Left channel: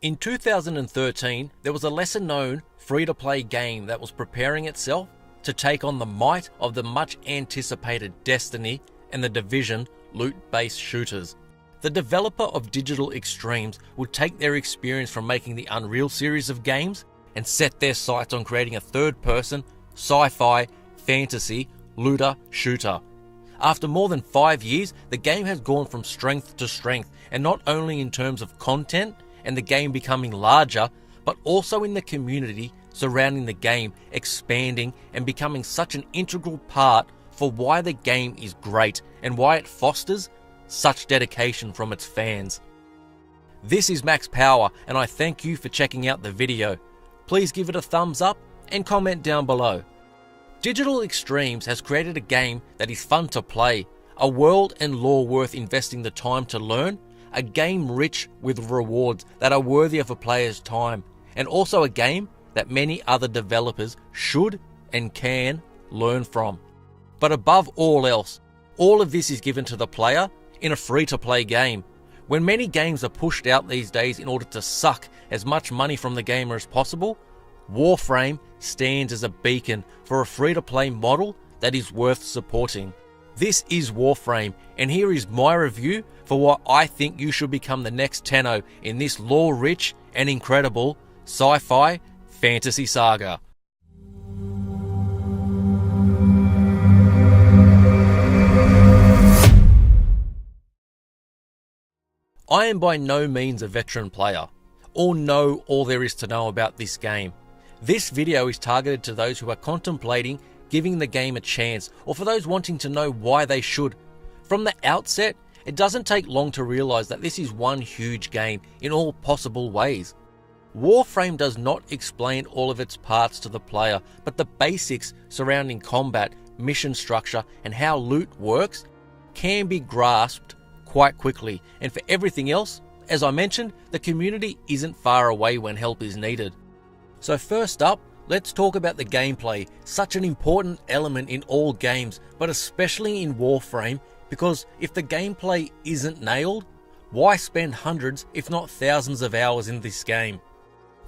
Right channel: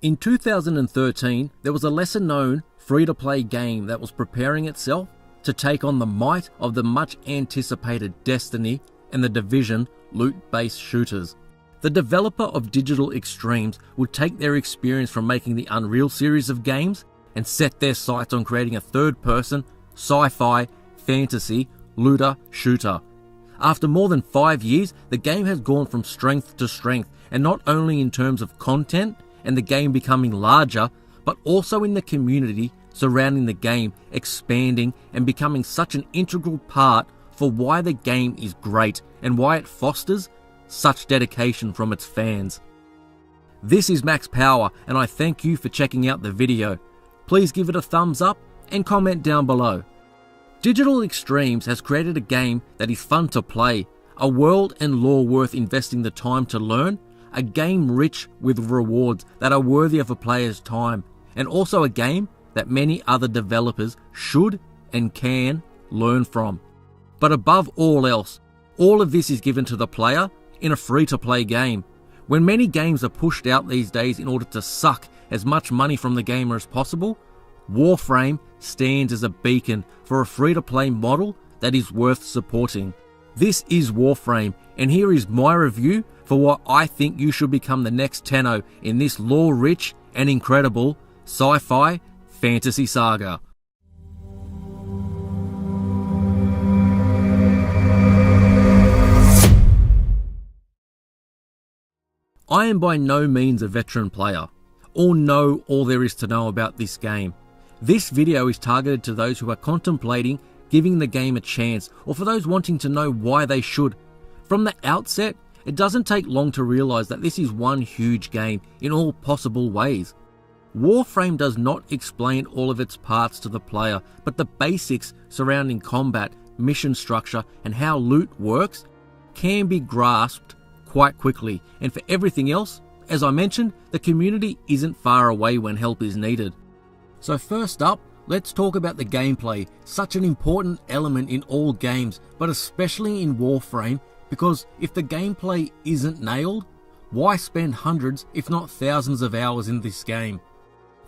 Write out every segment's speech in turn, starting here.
In 2013, there was a lesser-known free-to-play game that was preparing itself to take on the might of the much-anticipated Destiny and the Division loot-based shooters. The developer of Digital Extremes would take their experience from making the Unreal series of games and set their sights on creating a third-person, sci-fi, fantasy, looter shooter. After more than 5 years, the game has gone from strength to strength, and not only in terms of content and the game becoming larger, but also in the community surrounding the game expanding and becoming such an integral part for why the game is great and why it fosters such dedication from its fans. This is Max Power, and I thank you for checking out the video. Please give it a thumbs up and comment down below. Digital Extremes has created a game that is fun to play, a world and lore worth investing the time to learn, a game rich with rewards that are worthy of a player's time, and also a game that many other developers should and can learn from. But above all else, all of this is given to the player in a free-to-play game. When many games are pushed out these days in order to suck as much money from the gamer as possible, Warframe stands as a beacon for a free-to-play model that is worth supporting. This is Warframe, and here is my review for why I think you should become the next Tenno in this lore-rich and incredible sci-fi fantasy saga. I am by no means a veteran player, or know all there is to know about this game. This video is targeted to those who are contemplating giving the game a chance, or for those wanting to know why they should. From the outset, it doesn't take long to realise that this is one huge game in all possible ways. Warframe does not explain all of its parts to the player, but the basics surrounding combat, mission structure, and how loot works can be grasped quite quickly, and for everything else, as I mentioned, the community isn't far away when help is needed. So first up, let's talk about the gameplay, such an important element in all games, but especially in Warframe, because if the gameplay isn't nailed, why spend hundreds if not thousands of hours in this game?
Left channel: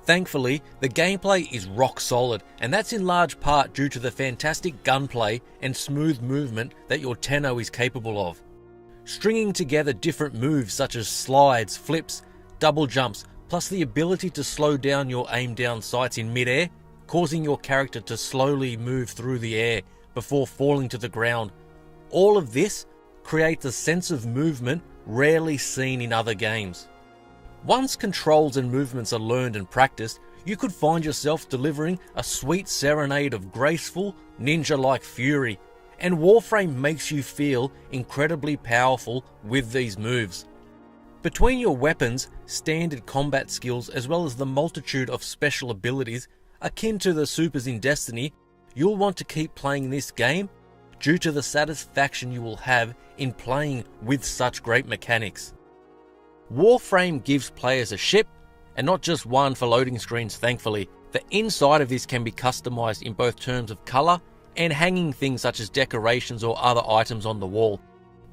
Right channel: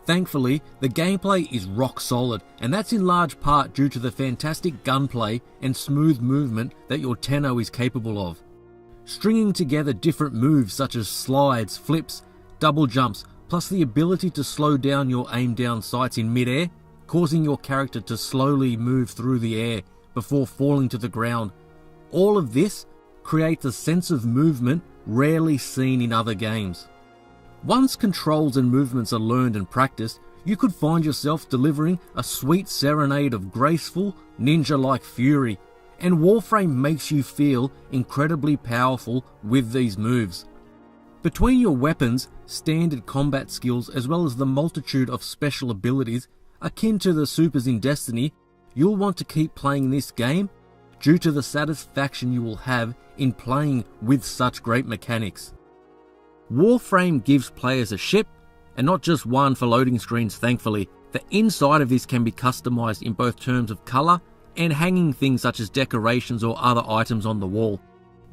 Thankfully, the gameplay is rock solid, and that's in large part due to the fantastic gunplay and smooth movement that your Tenno is capable of. Stringing together different moves such as slides, flips, double jumps, plus the ability to slow down your aim down sights in mid-air, causing your character to slowly move through the air before falling to the ground. All of this creates a sense of movement rarely seen in other games. Once controls and movements are learned and practiced, you could find yourself delivering a sweet serenade of graceful, ninja-like fury, and Warframe makes you feel incredibly powerful with these moves. Between your weapons, standard combat skills, as well as the multitude of special abilities akin to the supers in Destiny, you'll want to keep playing this game due to the satisfaction you will have in playing with such great mechanics. Warframe gives players a ship, and not just one for loading screens thankfully. The inside of this can be customized in both terms of colour and hanging things such as decorations or other items on the wall.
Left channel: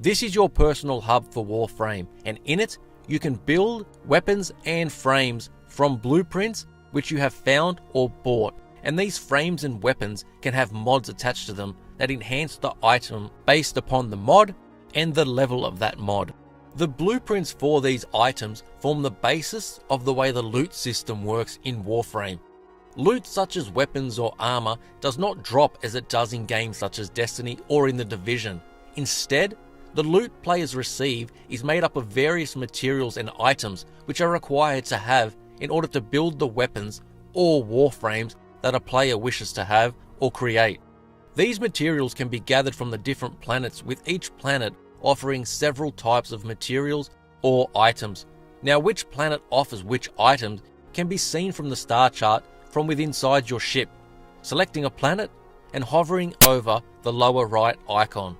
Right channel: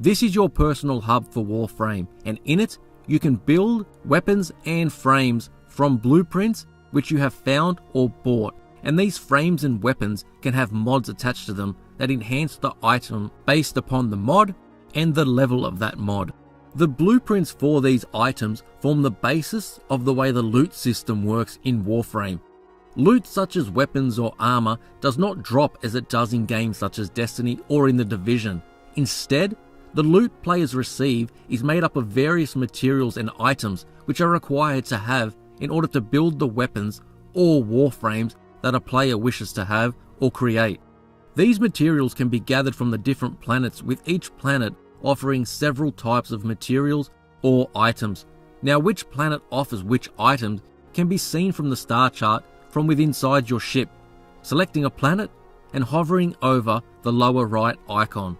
This is your personal hub for Warframe, and in it you can build weapons and frames from blueprints which you have found or bought, and these frames and weapons can have mods attached to them that enhance the item based upon the mod and the level of that mod. The blueprints for these items form the basis of the way the loot system works in Warframe. Loot such as weapons or armor does not drop as it does in games such as Destiny or in the Division. Instead, the loot players receive is made up of various materials and items which are required to have in order to build the weapons or warframes that a player wishes to have or create. These materials can be gathered from the different planets, with each planet offering several types of materials or items. Now, which planet offers which items can be seen from the star chart from within inside your ship, selecting a planet and hovering over the lower right icon.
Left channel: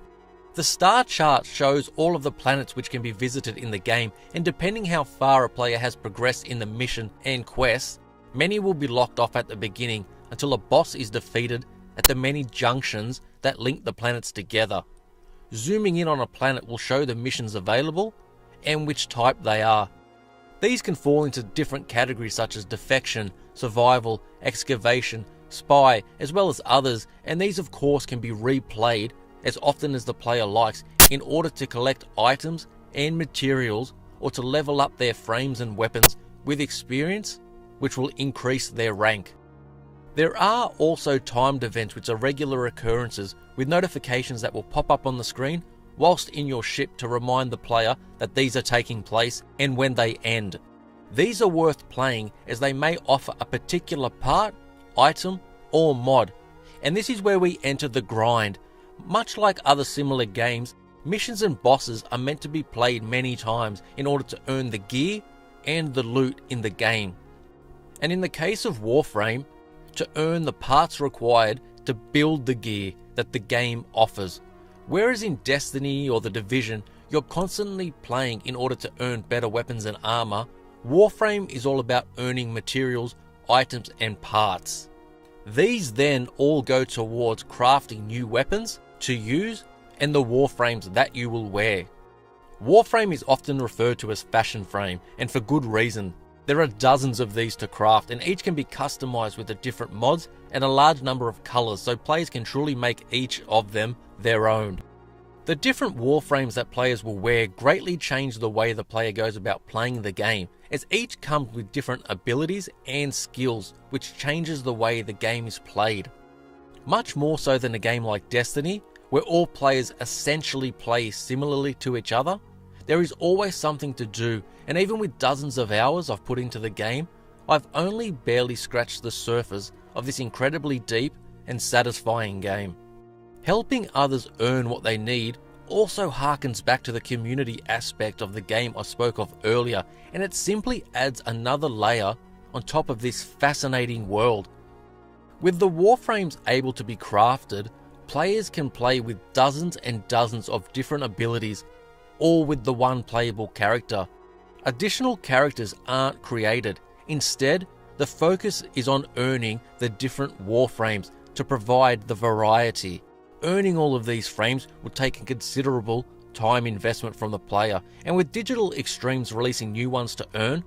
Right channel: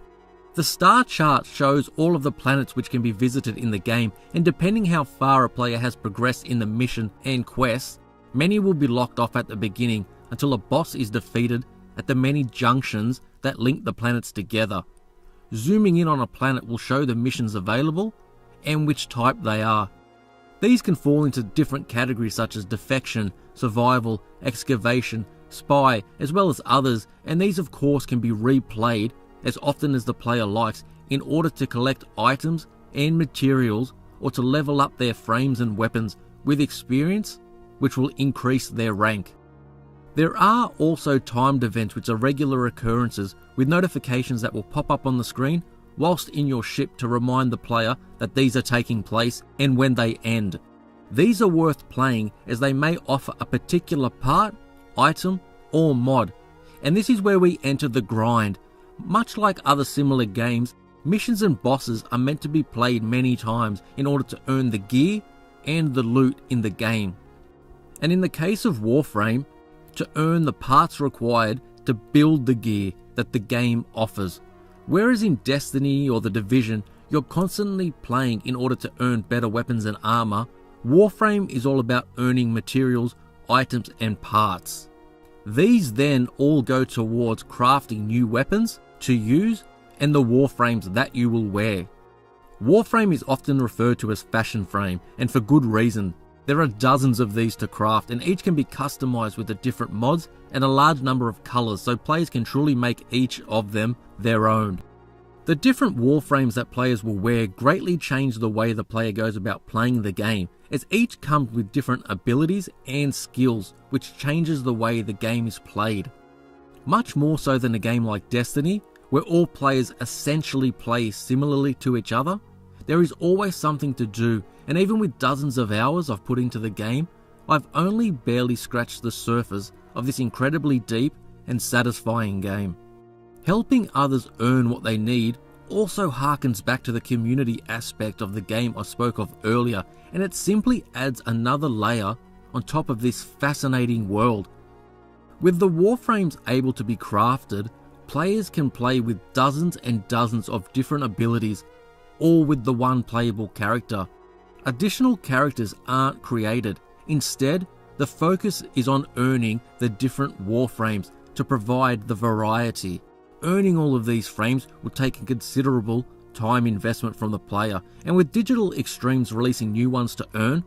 The star chart shows all of the planets which can be visited in the game, and depending how far a player has progressed in the mission and quests, many will be locked off at the beginning until a boss is defeated at the many junctions that link the planets together. Zooming in on a planet will show the missions available and which type they are. These can fall into different categories such as defection, survival, excavation, spy, as well as others, and these of course can be replayed as often as the player likes in order to collect items and materials or to level up their frames and weapons with experience, which will increase their rank. There are also timed events which are regular occurrences with notifications that will pop up on the screen whilst in your ship to remind the player that these are taking place and when they end. These are worth playing as they may offer a particular part, item, or mod, and this is where we enter the grind. Much like other similar games, missions and bosses are meant to be played many times in order to earn the gear and the loot in the game. And in the case of Warframe, to earn the parts required to build the gear that the game offers. Whereas in Destiny or The Division, you're constantly playing in order to earn better weapons and armor, Warframe is all about earning materials, items and parts. These then all go towards crafting new weapons to use and the Warframes that you will wear. Warframe is often referred to as fashion frame, and for good reason. There are dozens of these to craft, and each can be customized with the different mods and a large number of colors, so players can truly make each of them their own. The different Warframes that players will wear greatly change the way the player goes about playing the game, as each comes with different abilities and skills, which changes the way the game is played. Much more so than a game like Destiny, where all players essentially play similarly to each other, there is always something to do, and even with dozens of hours I've put into the game, I've only barely scratched the surface of this incredibly deep and satisfying game. Helping others earn what they need also harkens back to the community aspect of the game I spoke of earlier, and it simply adds another layer on top of this fascinating world. With the Warframes able to be crafted, players can play with dozens and dozens of different abilities, all with the one playable character. Additional characters aren't created. Instead, the focus is on earning the different Warframes to provide the variety. Earning all of these frames will take a considerable time investment from the player, and with Digital Extremes releasing new ones to earn,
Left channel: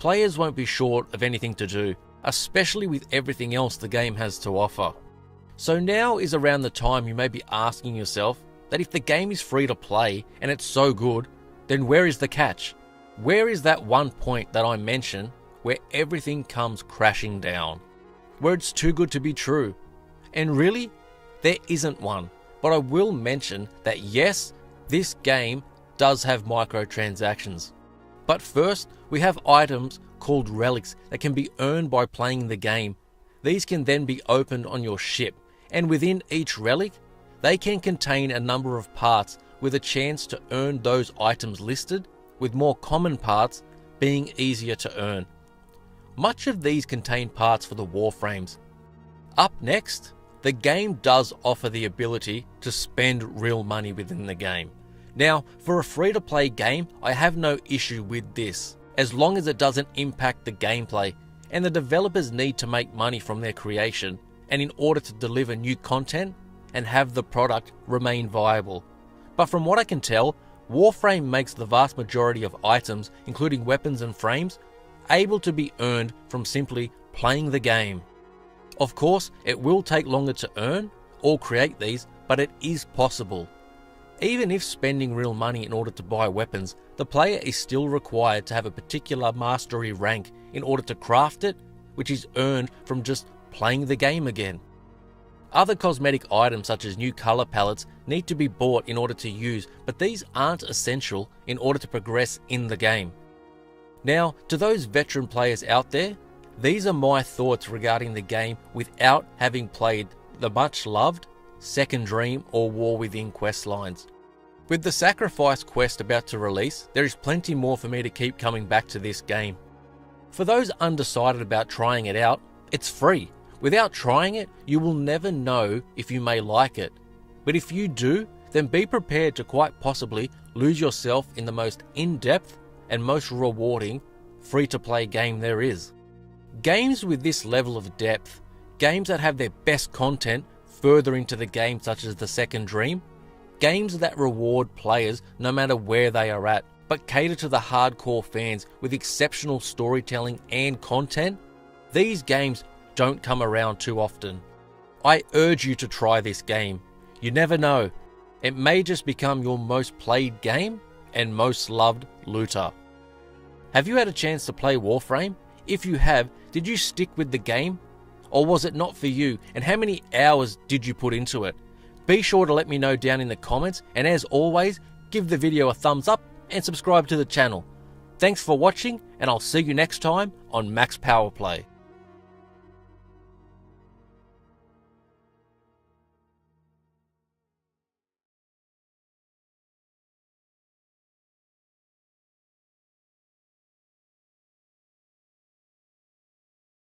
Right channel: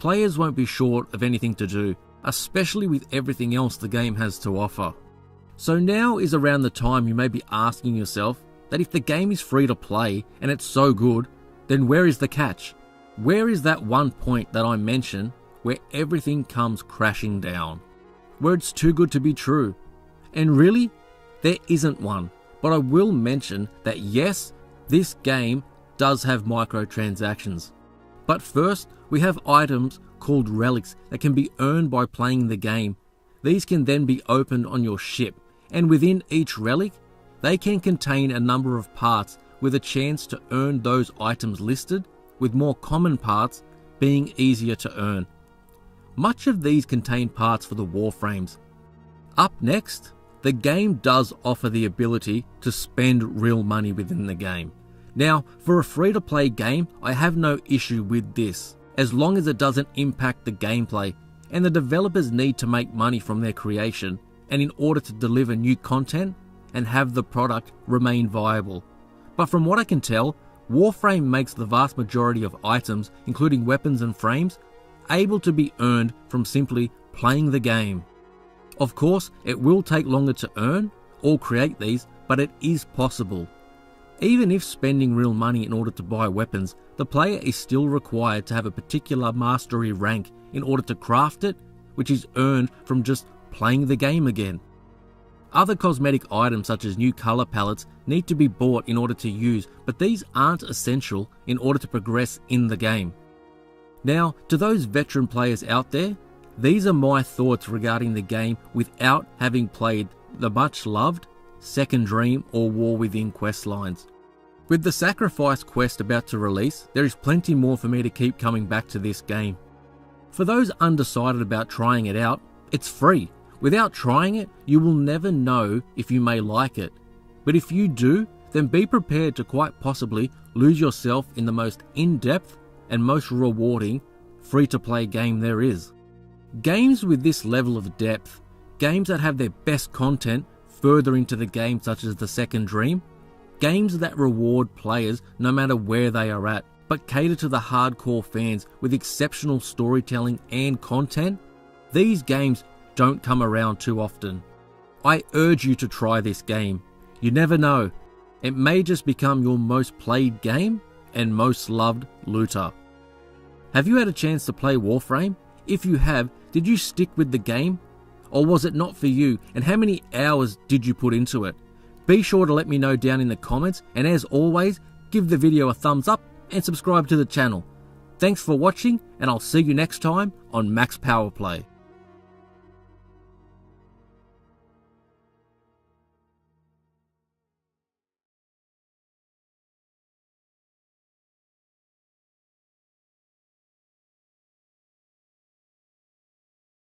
players won't be short of anything to do, especially with everything else the game has to offer. So now is around the time you may be asking yourself that if the game is free to play and it's so good, then where is the catch? Where is that one point that I mentioned where everything comes crashing down? Where it's too good to be true? And really, there isn't one, but I will mention that yes, this game does have microtransactions. But first, we have items called relics that can be earned by playing the game. These can then be opened on your ship, and within each relic, they can contain a number of parts with a chance to earn those items listed, with more common parts being easier to earn. Much of these contain parts for the Warframes. Up next, the game does offer the ability to spend real money within the game. Now, for a free-to-play game, I have no issue with this, as long as it doesn't impact the gameplay, and the developers need to make money from their creation, and in order to deliver new content and have the product remain viable. But from what I can tell, Warframe makes the vast majority of items, including weapons and frames, able to be earned from simply playing the game. Of course, it will take longer to earn or create these, but it is possible. Even if spending real money in order to buy weapons, the player is still required to have a particular mastery rank in order to craft it, which is earned from just playing the game again. Other cosmetic items such as new color palettes need to be bought in order to use, but these aren't essential in order to progress in the game. Now, to those veteran players out there, these are my thoughts regarding the game without having played the much loved Second Dream or War Within quest lines. With the Sacrifice quest about to release, there is plenty more for me to keep coming back to this game. For those undecided about trying it out, it's free. Without trying it, you will never know if you may like it. But if you do, then be prepared to quite possibly lose yourself in the most in-depth and most rewarding free-to-play game there is. Games with this level of depth, games that have their best content further into the game such as the Second Dream, games that reward players no matter where they are at, but cater to the hardcore fans with exceptional storytelling and content, these games don't come around too often. I urge you to try this game. You never know, it may just become your most played game and most loved looter. Have you had a chance to play Warframe? If you have, did you stick with the game? Or was it not for you, and how many hours did you put into it? Be sure to let me know down in the comments, and as always, give the video a thumbs up and subscribe to the channel. Thanks for watching, and I'll see you next time on MaxPowerPlay.